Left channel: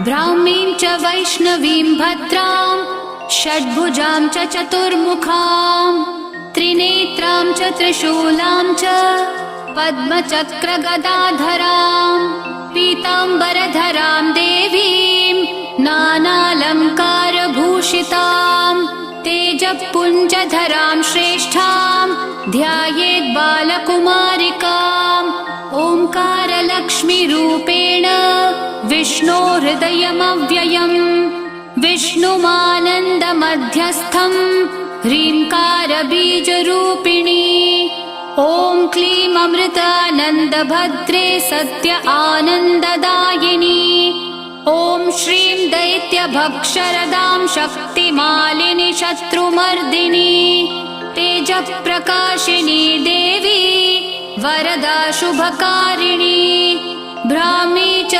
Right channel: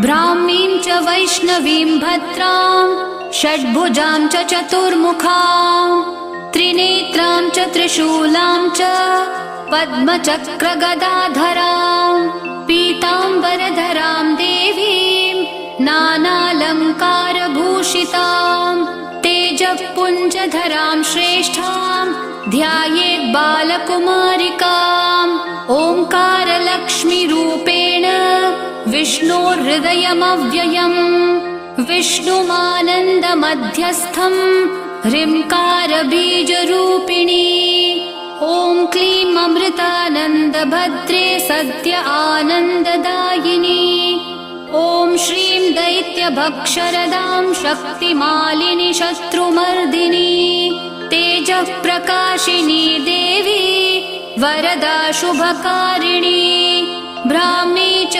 ब्राह्मीं च वैष्णवीं भद्रां षड्भुजां च चतुर्मुखां त्रिनेत्रां च त्रिशूलां च पद्मचक्रगदाधरां पीताम्बरधरां देवीं नानालङ्कारभूषितां तेजःपुञ्जधरां श्रेष्ठां ध्यायेत् बालकुमारिकाम् ओङ्कारलक्ष्मीरूपेण विष्णोर्हृदयमव्ययम् विष्णुमानन्दमध्यस्थम् ह्रीङ्कारबीजरूपिणी ॐ क्लीं अमृतानन्दभद्रे सत्य आनन्ददायिनी ॐ श्रीं दैत्यभक्षरदां शक्तिमालिनि शत्रुमर्दिनी तेजःप्रकाशिनी देवी वरदा शुभकारिणी ब्राह्मी च